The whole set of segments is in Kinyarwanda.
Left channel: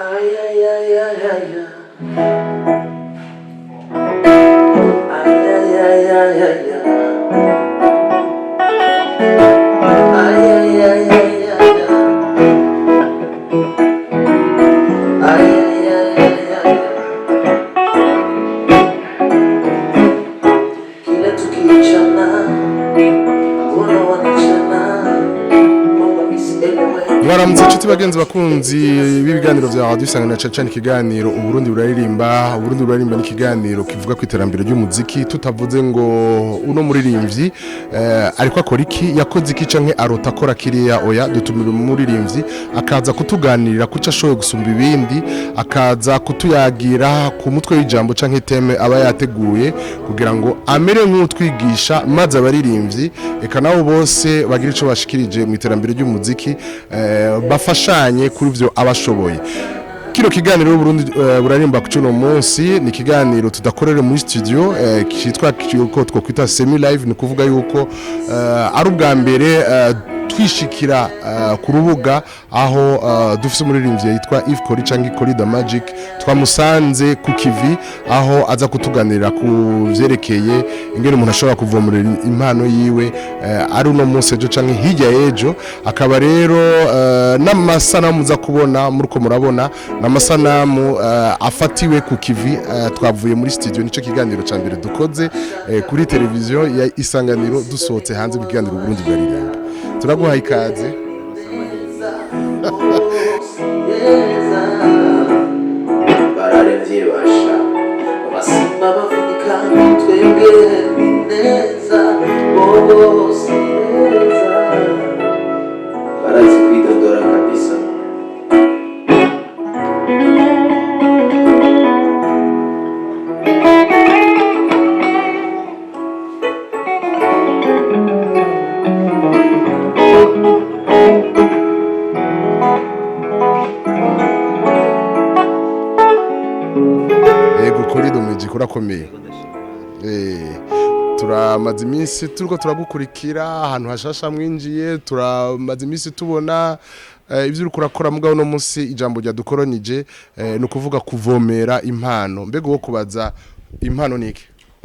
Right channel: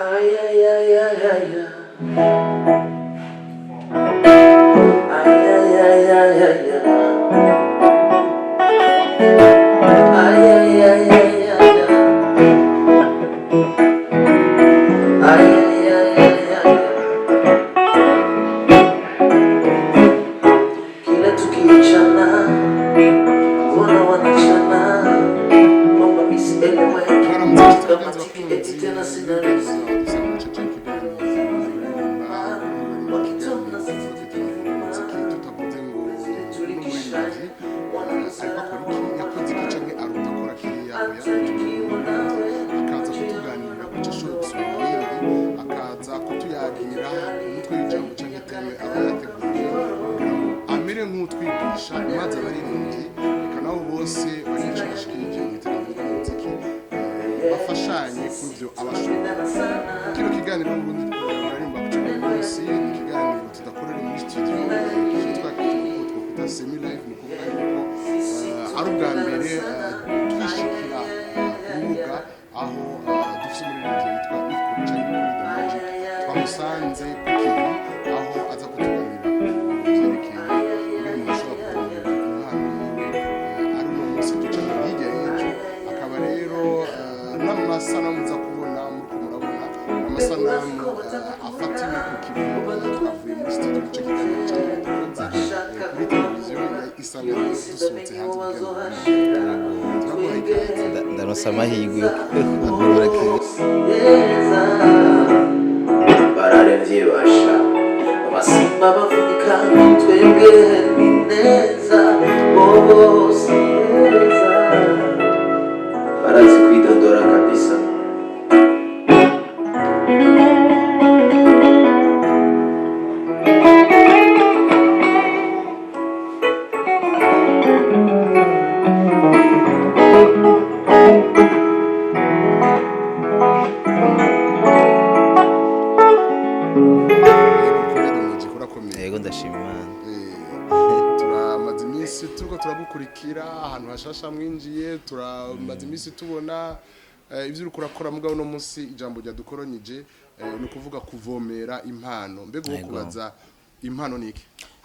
Ay, ay, ay, ay, ay, ay. Ay, ay, ay, ay, ay, ay. Ay, ay, ay, ay, ay, ay. Ay, ay, ay, ay, ay. Kila tukiachana, mbona wanachana? Mambo misielewe. Baramutse inshuti bagenzi bakunzi b'ibiganiro bya Radio Isanganiro Caca ikiganiro Uburundi buraririmba ni ikiganiro kivuga ku iterambere ry'umuziki tutavuze ngo uno muririmbyi ariko akora iki yakoze iki canke arota akora kiriya oya dutumira umuririmbyi akaza kutuganirira kuca ashoboye gusumba ibindi akaza kutuyagira ku mutwe w'ijambo canke teme aba yateguye kugira ngo amere nk'utwigisha maze abaririmbyi eka nabo bose bagira ico bashikirije mu iterambere ry'umuziki bafashanye kuri byo abashoboye. Kino kiganiro Burundi burarimba ku cuno munsi ni kiganiro tudakorere muri studio kitwa ko twokwita semi live ni kuvuga yuko ari ubwa mbere twishikira ku rubuga aho dufise umuririmbyi yitwa Yves Kori canke Kori the Magic twamusanze ku kivi aho aza kutuganira ku vyerekeye ingene umuntu ashobora kuvomera impano yiwe ari uno munsi ejo canke hirya y'ejo akaba rero n'amasanamu muza kubona muriko murabona n'amasanamu afatiwe ku kivi twavuye muri studio nico kiganiro ca mbere dukoze kuri televiziyo ya Isanganiro dusohotse hanze biganiro Burundi bwaririmba turaguha ikaze ndarosama hiwi bararevye basha abasimba bavunika twebwe bineza bose barazi kwidondora kabisa yego ndashima turamaze iminsi turiko turagukurikira ahantu hashasha mwinjiye turamaze iminsi tubona ivyo uri kurakora mugabo no munsi ijambo rya dukoronije no kuvuga kuvomera impano mbego wo kubaza impano niki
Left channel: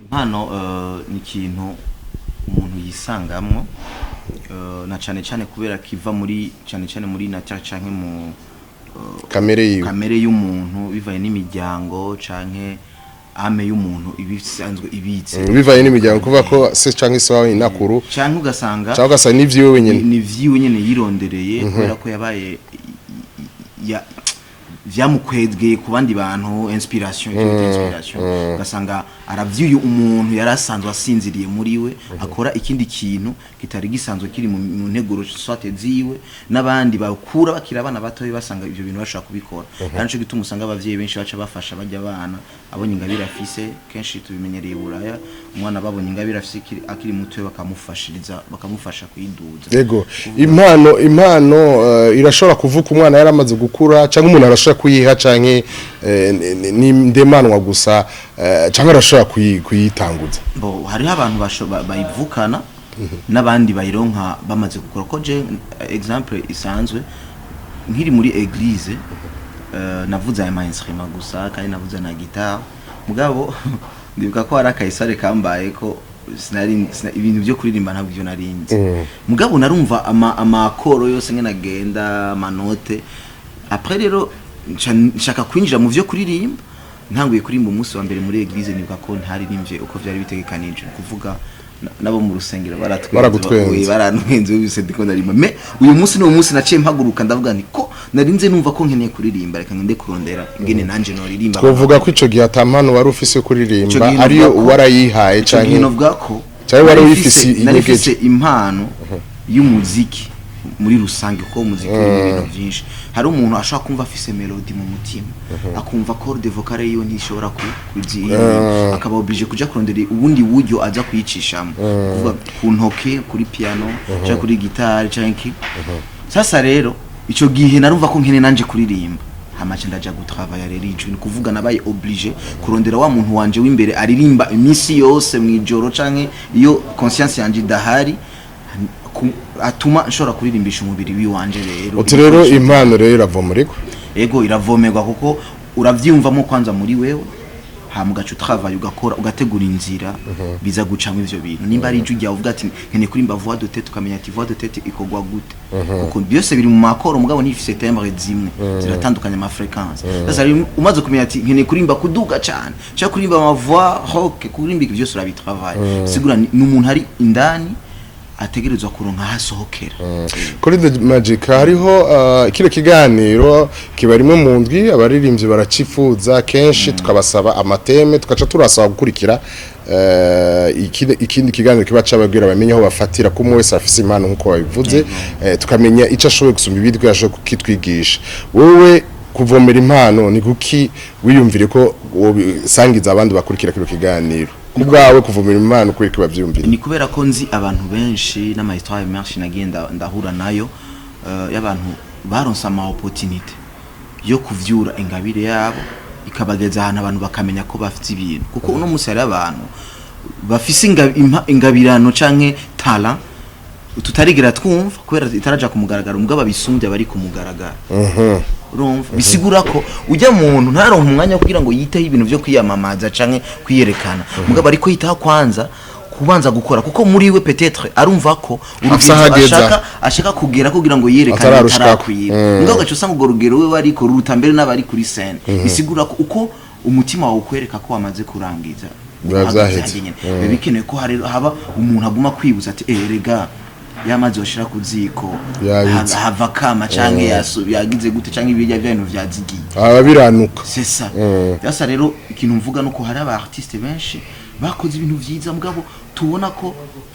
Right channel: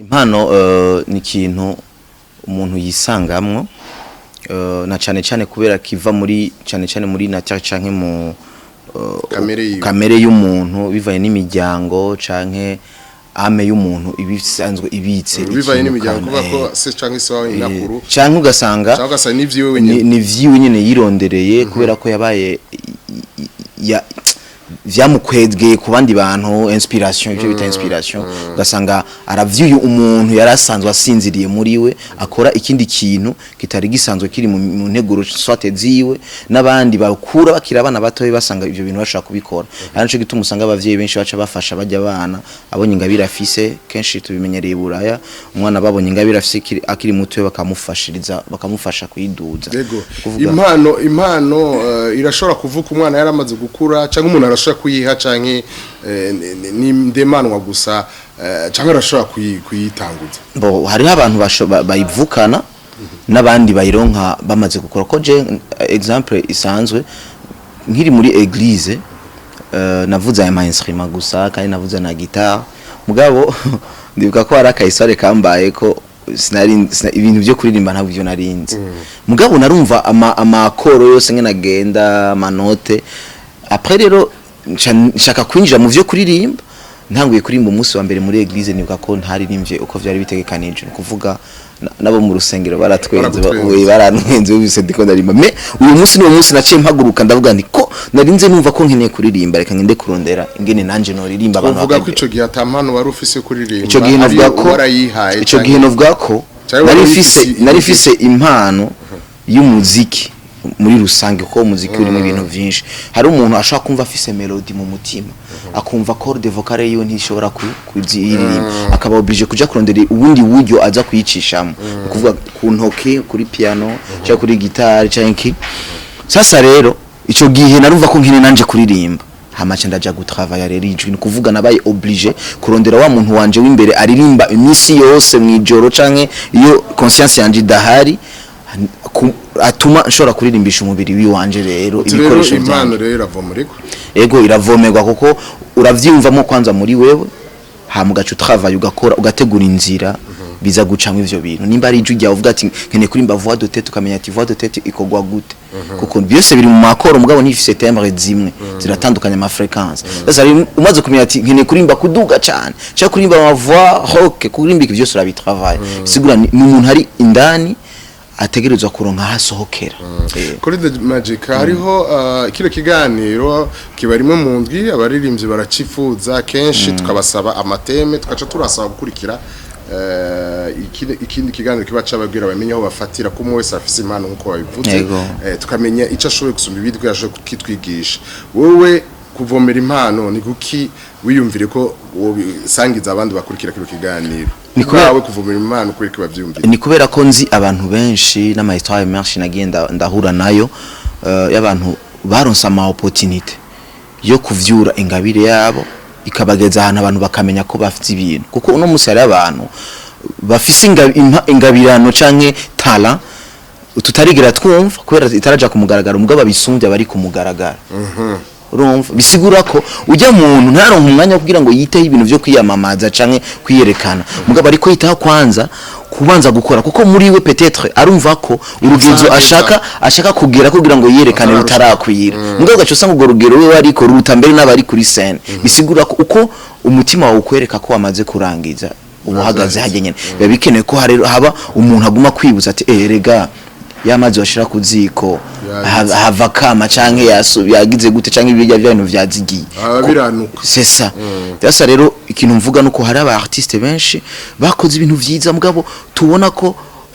impano ni ikintu umuntu yisangamwo na cyane kubera kiva muri cyane muri nature canke mu kamere y'umuntu bivanye n'imiryango canke ame y'umuntu ibisanzwe ibitse bivanye n'imiryango kuva ko se canke se wawe inakuru canke ugasanga n'ivyiwe wenyene ni vyiwe nyene yirondereye kubera ko yabaye vyamukwegeye ku bandi bantu inspiration ivyo bita inspiration ugasanga aravyuye umuntu yarasanzwe asinziriye muri we akora ikindi kintu kitari gisanzwe kiri mu nteguro swate ziwe n'abandi bakura bakira abana bato basanga ivyo bintu bashaka kubikora ariko gituma usanga abavyeyi benshi baca bafasha bajya abana abonye ingabire afise kenshi tubimenyereye buraya umwana babonye ingabire afise akiri muto bakamufasha kuyiduza yego impano irashobora kuvuka umwana yaramaze gukura canke umuntu arashobora kuyiha canke ni ndemanwa gusa canke arashobora kuyitanguza bo hariho abantu bayivukana n'abandi bayironka bamaze gukora ko je exemple isanzwe nkiri muri église navuza ama instrument gusa kandi navuza na guitar mugabo ndibuka ko hari akayisare kambaye ko ibintu byo kuririmba ntabwo byo narinzi mugabo narumva amakoro yose ngena genda amanote après rero nshaka kwinjira mu byo kuririmba ntanguye kuririmba umunsi wa mbere muri église nibuka ko ntaririmbye uko byari bitegekanije kuvuga nabo mu rusengero baranwenze bise ndiko ndarimba me uyu munsi no munsi naciye mpaguruka ndavuga ndi ko narinze numva ko nkeneye kuririmba reka ngende kurondera ingene nanje no ririmba kuvuga ko ico gihe atampano wari ufise kuririmba ariyo warayihaye ico gihe novuga ko narifise impano y'umuziki muri rusange ko umuziki uri mu bintu byinshi hari umuntu ashaka kumva afise melody mu mutima akumva corde vocale yiwe ntishobora kuzirimba akaba oblige kuja kurondera ubundi buryo aza kuyicishamo kuvuga ku ntoke kuri piano cyangwa kuri guitar cyangwa sasa rero ico gihe narumva ko nkine nanje kuririmba hamache ndaja gutravailler rero ijwi kuvuga nabaye oblige kurondera wa muntu wanje w'imbere aririmba imisi yose mwijoro canke iyo conscience yanje dahari atuma nshobora kuririmbisha umubiri wiwanje rero rero impano rero irava muri ko ego iravomerwa kuko uravyumvamo kwanza muri wewe hama ugaca travail ugakora ugategura inzira biza gucamwa ivyo bintu nimba ari ijwi ryawe uvuga ati nkene kurimba voix de tête ukamenya ati voix de tête ikogwa gute kuko byose biri mu makoro mugabo nifise timbre zimwe ziratandukanya ama fréquence sasa umaze kumenya ati nkene kurimba kuduga cyane cyangwa kurimba ama voix rock kurimba ivyo byose urabitravail sigura ni umuntu hari indani ategerezwa kuronka hasohokera kuri The Magic hariho kino kiganiro kibarimo mu ndwi abaririmbyi baracifuza kenshi tukabasaba amateme tukaca turasaba gukurikira ikindi kiganiro kiba cababwira bamenye aho bafatira ko wese afise impano nkuko babivuze tukamenya ico ashoboye gusumba ibindi ko yashoboye kitwigisha wowe kuvomera impano ni kuki wiyumvire ko sangiza abandi bakurikira kino kiganiro niko kuvumira impano kuri kibavyumvira ni kubera ko nzi abantu benshi n'ama histoire menshi nagenda ndahura nayo y'abantu baronse ama opportunité yo kuvyura ingabire yabo ikabageza ahantu abantu bakamenya ko bafite ibintu kuko uno musi hari abantu bafise ingabirano canke talent tutarigira twumva kubera itaraja kumugaragara umugabo abisumbye bari kumugaragara urumva bisigura ko ujya muntu ntaronka umwanya wo kugira ngo yiteho ibintu byo kwiyamamaza canke kwiyerekana mugabo ariko yitaho kwanza kubanza gukora kuko muri we peut-être arumva ko urugero ashaka kugera kugira ngo yerekane utarakwira mugabo gacho usanga ubwo rugero we ariko ruta mbere n'abari kuri scene bisigura ko uko umutima wawe ukwereka ko wamaze kurangiza umuhagaze hagenyene bikeneye ko haba umuntu aguma kwibuza ati erega yamaze washira kuziko hava kama canke yagize gute canke ibijya by'ibintu vyazigiye abiranuka c'est ça yasa rero ikintu mvuga nuko hari aba artiste benshi bakoze ibintu vyiza mugabo tubona ko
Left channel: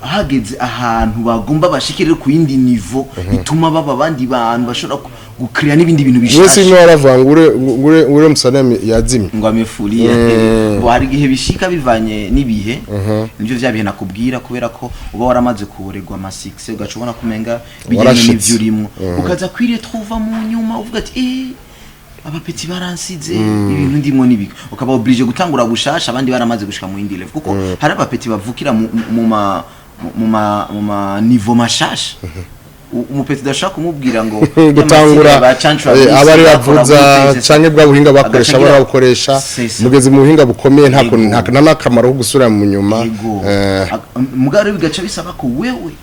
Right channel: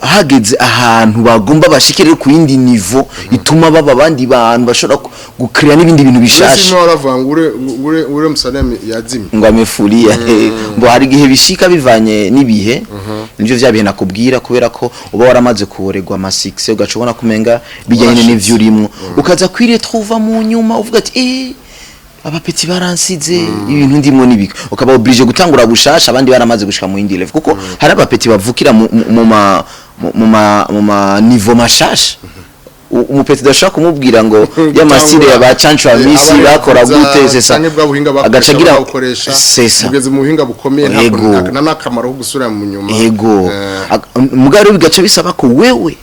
hageze ahantu bagomba bashikirira ku yindi niveau ituma baba abandi bantu bashobora gukreya n'ibindi bintu bishasha Yesu no aravanga ure musanami yazimye ngo amefuria ngo hari gihe bishika bivanye nibihe nivyo vyabihe nakubwira kubera ko uba waramaze kuboregwa ama 6 ugacobona kumenga bijyanye n'ivyo urimo ukaza kwire trouva mu nyuma uvuga ati abapeti baransize ibintu ndimo nibika ukaba oblige gutangura gushasha abandi baramaze gushika mu indi level kuko hari abapeti bavukira mu ma niveau mashasha umupeti dashaka kumubwira ngo yamasine abacancu abisi bakora guteze cyane bwa buhinga bakoresha mugeze mu buhinga bukomeye nta nakamaro ko gusura mu nyuma yego mugaro bigace bisaba ko wewe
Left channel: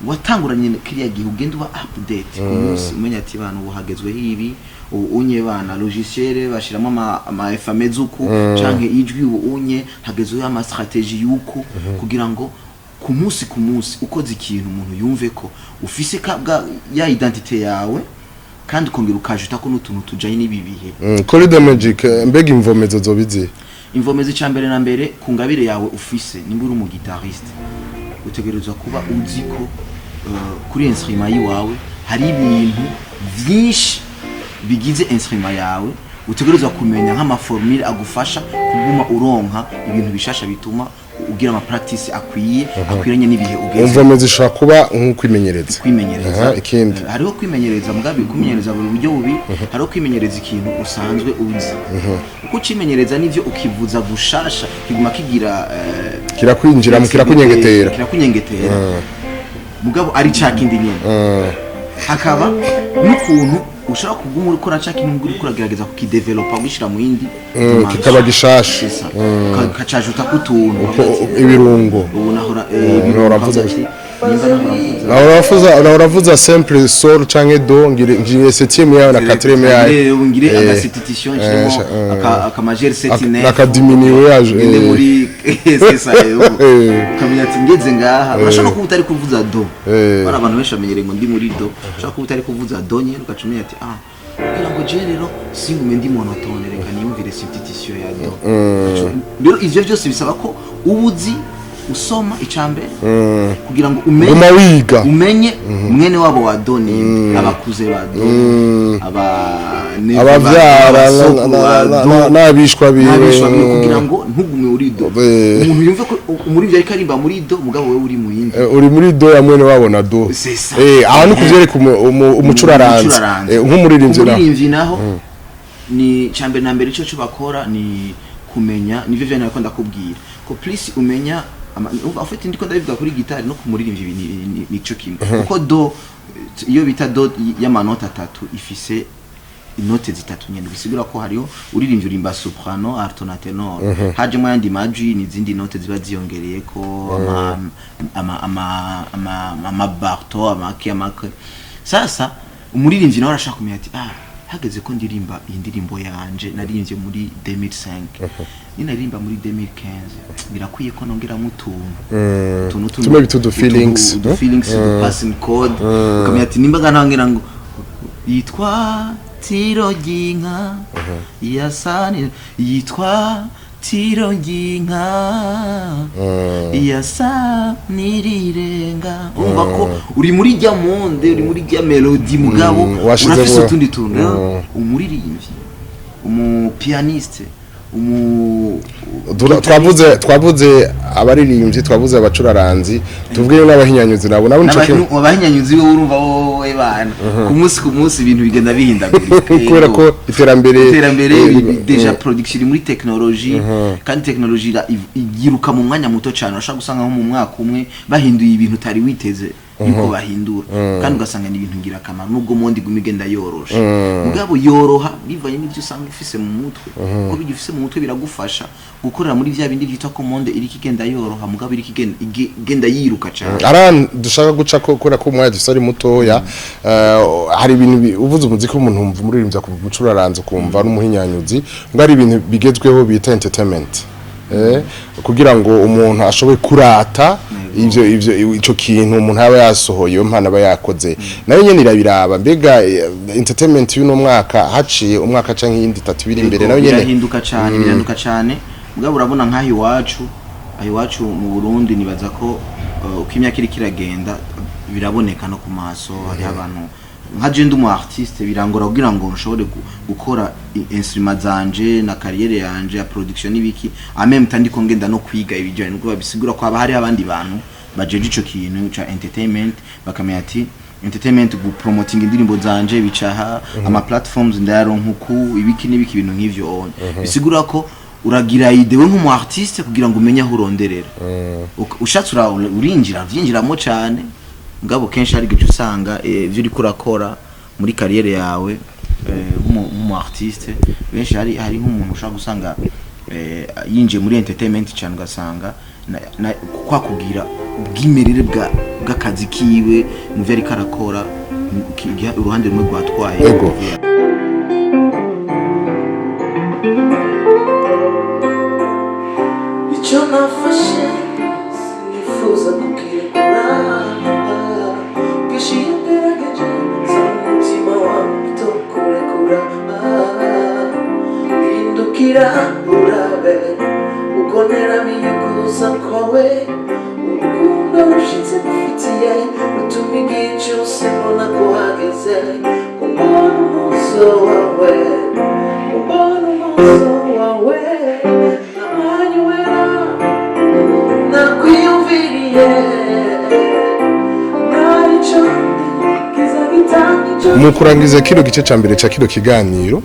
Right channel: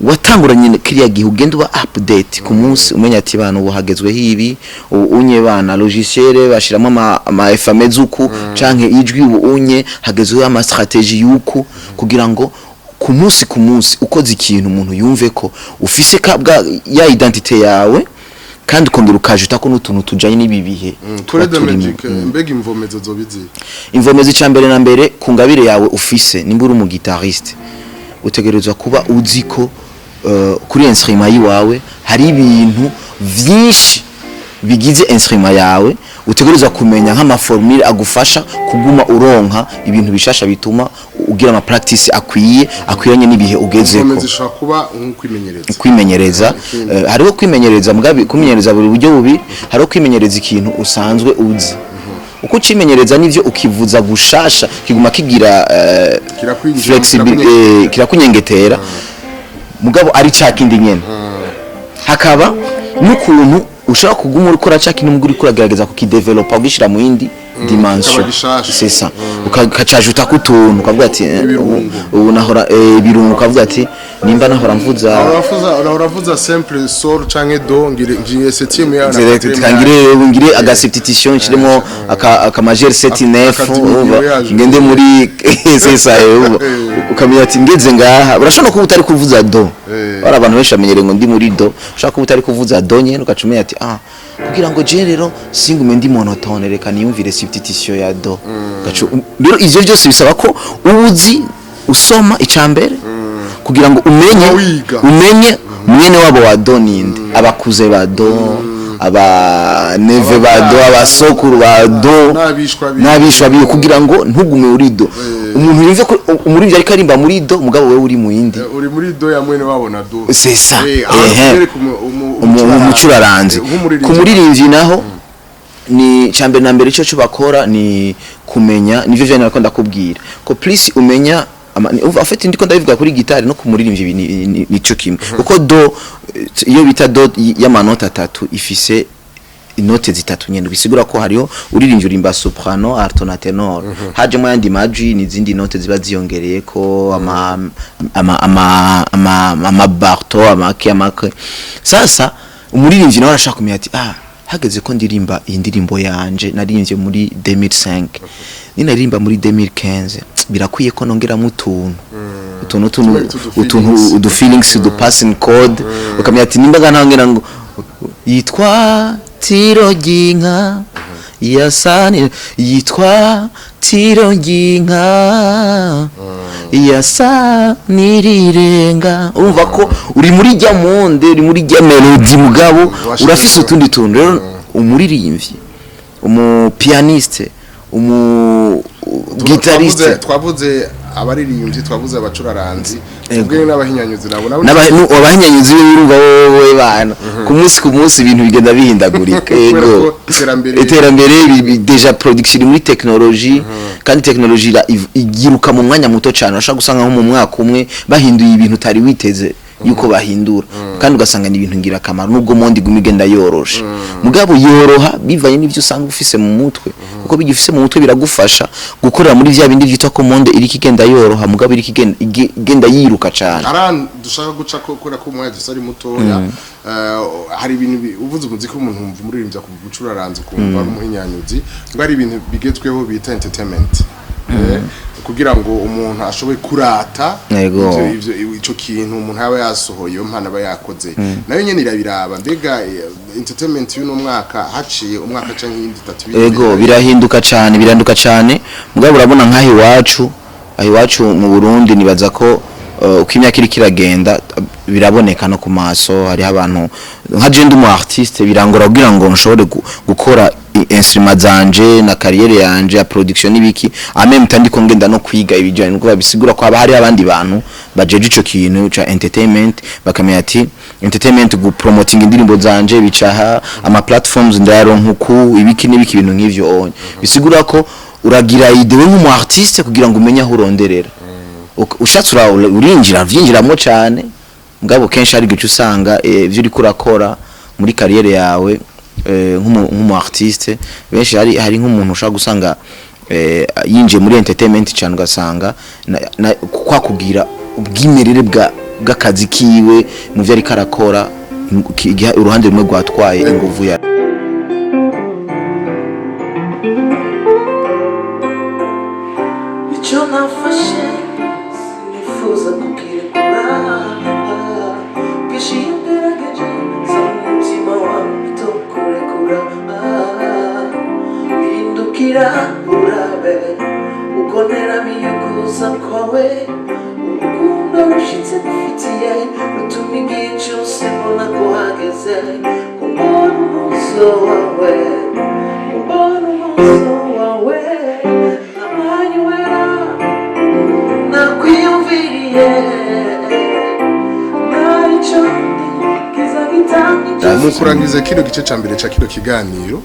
watanguranye kiriya gihe ugenda uba update ku munsi umenya ati bana ubu hagezweho ibi unye bana logiciel bashiramo ama FMZ uku canke ijwi ubu unye hagezweho ama strategie yuko kugira ngo ku munsi ukoze ikintu umuntu yumve ko ufise kabwa ya identité yawe kandi ukongera ukajuta ko n'utuntu tujanye n'ibibihe kuri The Magic mbega imvomezo zobizi imvomezo cyambere na mbere ku ngabire yawe ufise nimba uri mu guitariste utegerezwa kuba uzi ko kuri instrument yiwawe hari ibintu vyinshi bigize instrument yawe utegerezwa kumenya nk'ama formule agufasha kuguma uronka ibintu bishasha bituma ugira ama practice akwiranye n'ibihe ugeze ko zishaka kuba kwimenyereza hariho kwimenyereza mugabe kumenyereza buri buryo bubi hariho kwimenyereza ikintu usanzwe uzi uko cimenyereza nivyo ukivuza gushasha kiguma kigira kirakwinjira kirakunyengetera mugabo ari cakindi nyene hakaba n'ukuntu ushaka kuguma uri kora cakindi muguri kuragerageza kukidevelopa gishira mu yindi dimension c'est ça ukacajuta kutuntu ukavuga ati ibirungo ubu nahora ibirungo ukavuga ati nimba nahora mvuza simple sol canke do ngire septième ya na quatrième ngire aga substitution kirimo aka majeur 7 ngende muri c'est ça ukamenya ati ngeze ngaha urashaka ko utari kuvuza do bara abantu benshi bamenyere ngo ndi muri do ushaka ko utari kuvuza do nyene ukacumenya ati kugira ngo je rero singume ndi monotone reka niyumvire substitution ya do rero ivyo byose bisaba ko uzi usoma icambere kugira ngo umenye mwene wabo wa do ninde abakuze ba do aba neve ba do abasokuru ba do nabishwa biyo kugira ngo ntugume uri do umuntu yumve ko muri byo ari karimba muri do mugabo wewe uri mu yindi uri muri do ya mwene wabo na do c'est ça umucuraranze nk'umuririmbyi naho ni chambe na mbere cyo bakora ni kumenya nivyo vyo nakunda kubwira ko please umenya afite ndiko ndabivuga kuri gitari no kumuririmbyi nico kimwe kuko do iyo bita do y'amanota 3 ifise inote zitatu nyene bisigura ko hariho uririmbye urimba soprano alto na tenor haje mu yandi maji n'izindi note ziba ziyongereye ko ama barto amake sasa umuririmbyi nawe arashaka kumenya ati hageze ko ndirimba iyi ndirimbo yanje naririmbye muri 2005 ninaririmba muri 2015 birakwiye ko nongeramo utuntu udu feelings udu passing code ukamenya ati nimba ntangera ngo yitwa Tiroginka yasani yitwa Tiroginka yasa nirirenga umva ko uri muri jya monde uri muri jya melody mugabo urafise utundi tuntu rero umuririmbyi pianiste twavuze abaririmbyi twavuze abacuraranzi tubwiye n'abahinyanyuzi nabo abahinyanyuzi b'uruga wowe bana ku munsi ibintu bigenda bihindagurika ko iterambere deja production muri technology kandi technology igiruka mu mwanya muto cyane urashaka gusanga nko mu mwaka umwe bahinduye ibintu utari witeze yuko bahindura kandi ugasanga ni ibintu ngira kamaro nubwo monde igumigenda yoroshe mugabo yoroha bivanye n'ivyo usanga ufise mu mutwe kuko bigifise mu mutwe biragufasha gukorera muri vya bindi vyitwa ko monde iri kigenda yoroha mugabo iri kigenda yiruka cyane aran dushaka guca ko kora ko umwanya dusari mutoya hari ibintu uvuze umuziki umuntu umva umuririmbya ku gucuraranze kumva ari umuhinyanyuzi ngari ibintu bigezweho bita entertainment kugira ngo umuntu ashoboye kurata ivyo ico kintu umuntu aba yasohoye impana aba yakoze nayo nyene irabiraba mbega entertainment y'uno mwaka haciye umwaka canke yindi 3 biri birahinduka cyane mugabo urabona nkaho iwacu mu Burundi nibaza ko uko imyaka iri kiragenda biraboneka no ku maso hari abantu nka jende mu artiste birangora kugira ngo nshobore gukora instrument zanje na carrière yanje ya production n'ibiki ameme tandi ko ngenda no kwiga ibijanye nuko babisigura ko haba hari abandi bantu bajeje ico kintu ca entertainment bakamenya ati entertainment gu promoting indirimbo zanje bicaha ama platforms ndayaronkuku ibiki n'ibiki ibintu nk'ivyo bisigura ko uragira ide we mu artiste kugira ngo umenye aho uronderera ushatse urinjira vyinjiramo cyane ngabo kenshi ari gice usanga ivyo uri kurakora muri carrière yawe nk'umu artiste benshi hari nk'umuntu ushaka gusanga yinje muri entertainment cyane ugasanga kwa kugira ubwimerere bw'akazi kiwe mu vyo ari karakora uruhande rumwe rwatwaye inguvu icyo nafashe sinifuza kukirekura bwishingirageje umutima wanjye utokurekura windukira urabe uko nteramiye kuza kwawe urukundo rushitse gufitiye rutuma igihe cyose mbona ko hageze kumbona umunsi wawe kumbona umunsi wawe mu kurangiza kino gice ca mbere ca kino kiganiro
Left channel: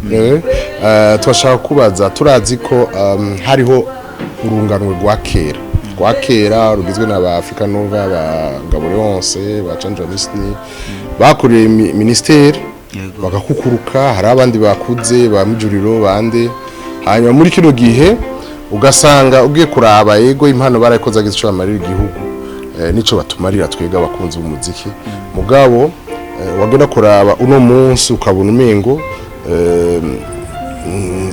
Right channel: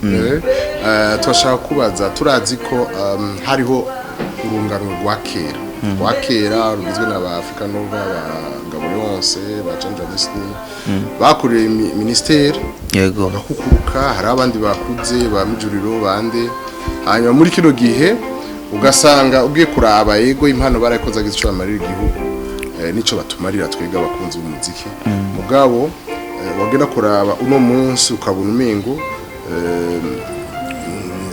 twashaka kubaza turazi ko hariho urunganwe rwa kera rugizwe n'aba Africa Nova ba Gaboyonse ba Chandra Disney bakoreye ministeri bagakukuruka hari abandi bakuze ba Mijuriro bande hanyuma muri kino gihe ugasanga ugiye kuraba yego impano barakoze agicura marira igihugu nico batumarira twega abakunzi b'umuziki mugabo wagenda kuraba uno munsi ukabona umengo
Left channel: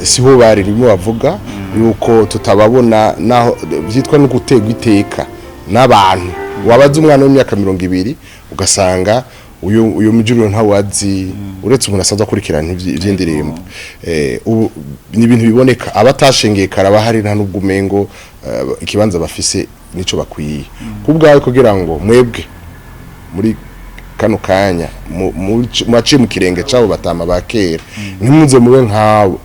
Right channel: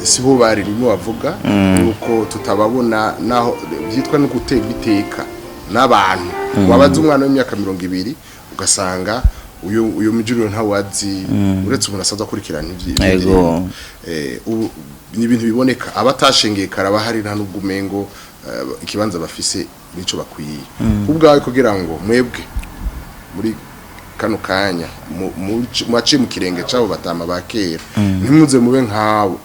siho baririmo bavuga nuko tutababona naho vyitwa no gutega iteka n'abantu wabaza umwana w'imyaka 200 ugasanga uyo Mijuriro ntawazi uretse umuntu asaza kurikirana ivy'indirimbo ubu ni ibintu biboneka abatashengeye karaba hari nta nubwo umengo ikibanza bafise nico bakwiye kubwawe kugira ngo mwebwe muri kano kanya mace mu kirenge cabo batama bakera ntimuze mube nkabo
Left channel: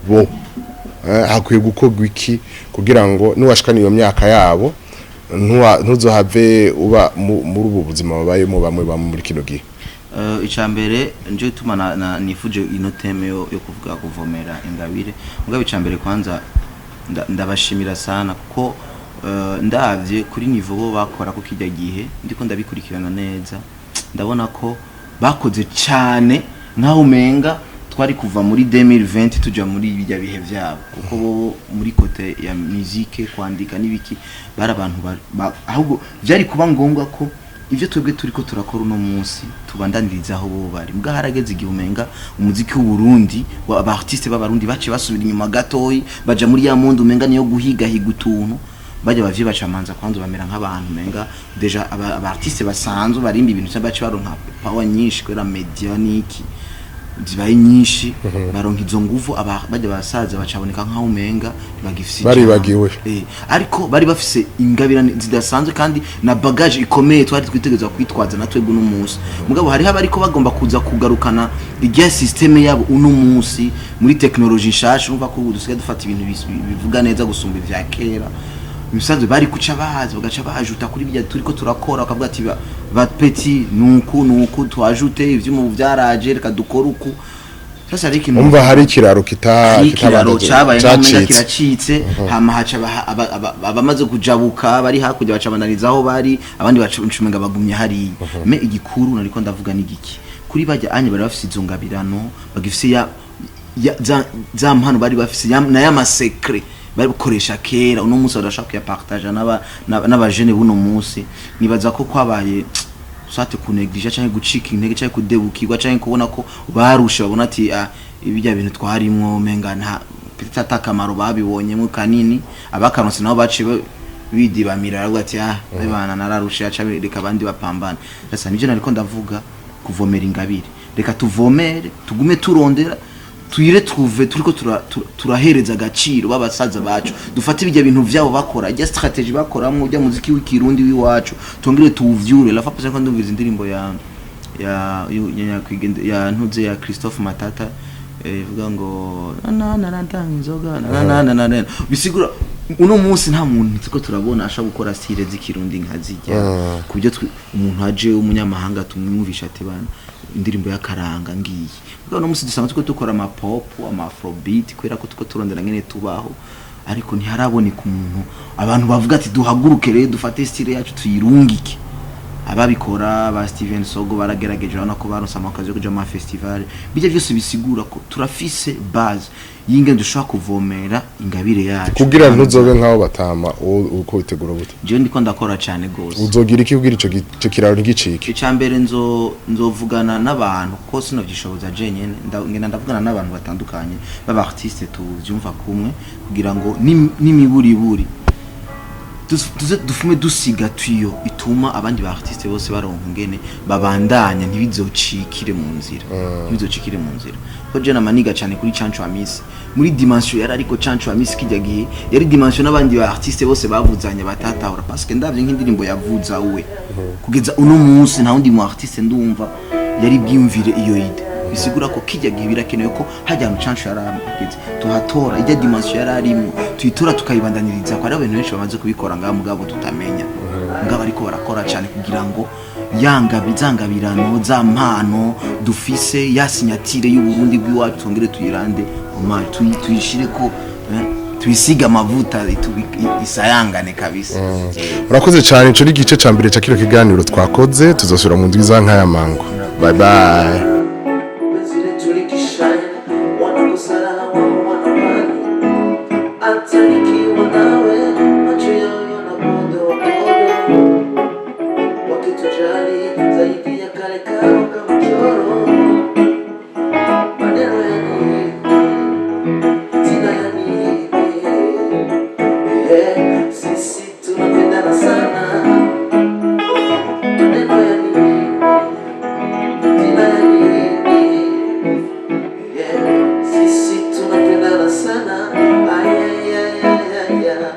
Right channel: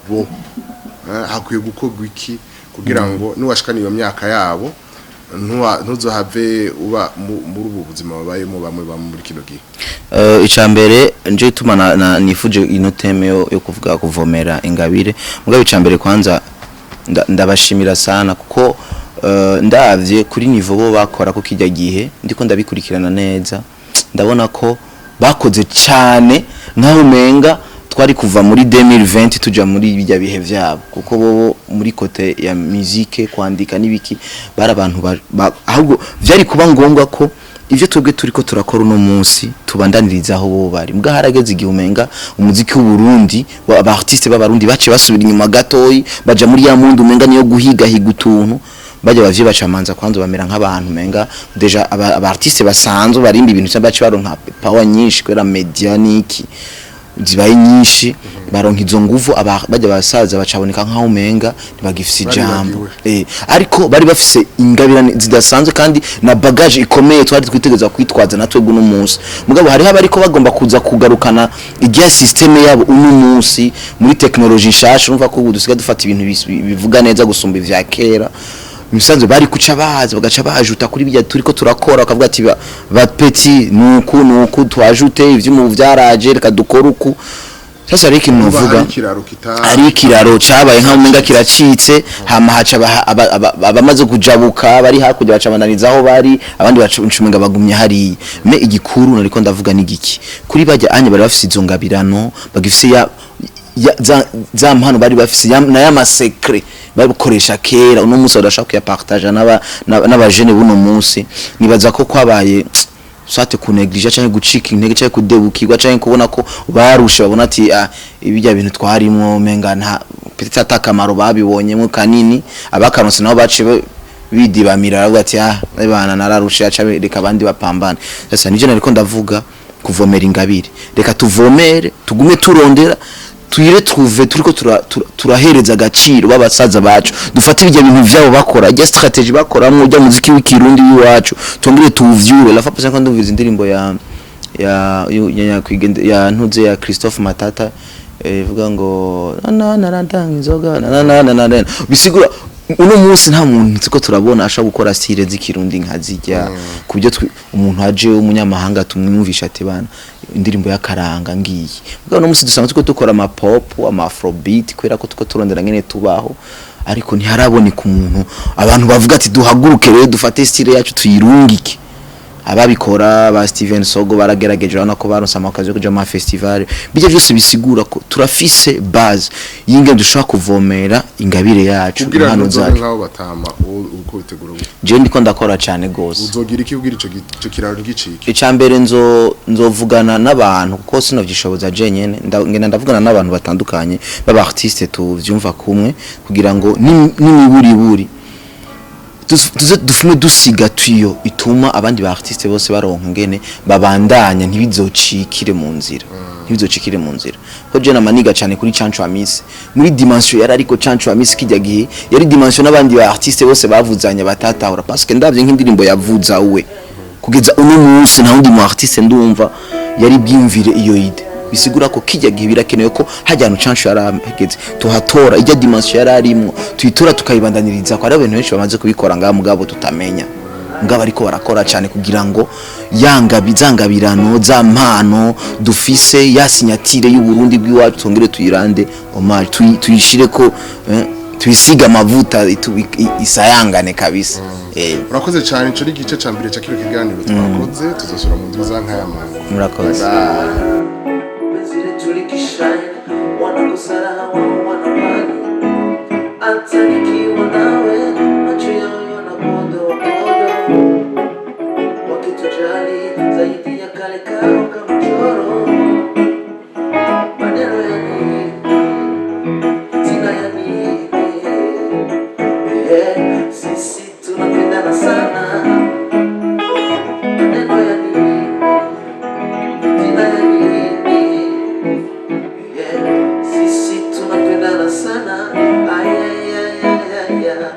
hakwiye gukorwa iki kugira ngo niwashikana iyo myaka yabo ntuzohave uba muri ubu buzima babayemo bamwe muri kino gihe icambere nje ituma nifuje ino teme yo kuvuga kuvomera ingabire mugabo icambere kwanza ndabashimira sana kuko ndavye kuri nivo bo bakora ko kijya gihe ndiko ndabikurikirana neza ndabona ko bakoze cyane nkaho menga twari kuva muri 2020 tuja muri bijya bihe vyabo kuko bo muri kote ya musique kwandika nibiki bari abantu ahubwo vyari kuba ngombwa ko ivyo twebwe turiko turakora uno munsi tubandaniriza aho bo bari mbwa harageze igihumenga umuziki w'u Burundi aba artiste b'abarundi bace basubira inyuma gatoyi baja muri ya mundo umenga niyo guhiga utuntu bajya bavye bacamanza kwanza bamera nk'abantu menga deja aba artiste basanzwe barimba ibintu cy'abaci baronka power nyinshi kwera media niki zibaye nyinshi baronka izo nguvu bajya basaza bacaboneka nkaho umenga ntibagifise ijambo ariko bari bafise ingabirane zidasanzwe kandi na bagage ikomeye twari twitegeza kwitwaza natwe guno munsi mugabo hari abariko bagomba kuza kugarukana igihe system yabo uno munsi muri technology nshasha umva ko dusiga dufata ibintu bivuga neza gusumba ivya kera misanzwe bari kuca baza bagaca bajuta kuri bijya turiko turakora bakavuga ati ba petit nuku twajute ivyo mu vyaraje reka dukora uku sasa riki mu hari kiraro kitari ari kiraro cabaye nka kiracitse hama haca abamaze kujabuka bari hakurya bacabananizaho bari abandi bacuminga bagumye hari me igikuru nariko ndavuga nigiki kuri bajya anye bari bafise izo ngabirano bagifise za mpano bari bafise na ya secret babukoresha kera uno munsi badashaka kuyapartager n'abajene buno munsi nibaza ko kwabaye sate kuneglige cyane gucika intege cyane kudebukirwa cyane kubona ko barusha babona ati ibijya bintu twarimo menga nta petita takamaro babibonyemo kanini abakaronse nabo bace bidibamira ati bana nararusha cyane reka abandi bapambane sasa nije nariko ndavuga kuvomera ingabire reka tuvomere tugume turondera tuyire trouver turiko turahereza agaciro babasaza bacu dufate bijya bintu vyabo bakora ya strategy bakoramwe ujya muziki w'ikirundi wiwacu tongere tuvyure la fois quand ndumviza indirimbo ya ntuze ya Christophe Matata vuga ngo narantanga inzoga bisigura uno munsi nta muntu tsiko turabona asha gukora style z'ikirundi nkazijya kubyo umuntu aje umunyamahanga tumwumvisha ati bana indirimbo yakaranga ngiye bwa no munsi dusanga tuko dukora ama pop ama afrobeat kwera ko tuko turondera ngene tubaho ariko ntiharaboneka umuntu abantu bavuga ati duhaguruke rero dufate style yacu tuyirungike ababikora ba Steven Sogo baragerageje urabona ko baronse amakazi yo kuja mu festival bijya byose bisigura ko turafise base yinge dushaka kuvomera ingabire yacu kugira ntuzoga nkaho batama uko bitegura gute je ndiko ndakora cyane gose uzogira iki kugira ico kiraro ngicike icambere nzovugana n'abantu ko sinovyishoboza je nyene ngenda ndavugana n'abantu batandukanye baba artiste tuvyumva kumwe kugira ngo n'imiburiburi dufume dusiga tuyo ituma abandi ba artiste bose baronka ngene babandanya ntibizocikire mu nzira ko je namaniga cyane kuri Chancho Amis muri dimension yari ariko Chancho Amis kijyagiye yari dimension n'abandi ba artiste bose bavuzanya batatahura parce que ndavye nk'indirimbo yavuza we kugeza uno munsi nta wundi mu artiste ndumva yari byumvire iyo ide bisigura ko kijyagiye birakenewe ko hajyana Chancho yarahageze tuhatora ijya dimension yararimo tuyitora tukayibandaniriza ko ari abantu benshi bamaze kubikora ngaha mugabo tutamenya ngaba ariko barakora cyane kugira ngo bizangabirano za mpano dufise ya signatire y'u Burundi bw'iwacu tongere tuyirande omar tuyishire ko tuyisiga amavuta isayangane kabisa urakoze cyane ico ni gice cambere ca kiro kiganiro twakoze tuzosura mu ndwi za nkaya mango bye bye Atanikiwa nawe macho yao yanabodo wakitujali zaidi ya kale kao kama mchoro maneno ya nini tina ya nini sisi tunapendana sana maneno ya nini tina ya nini sisi tunapendana sana yeah.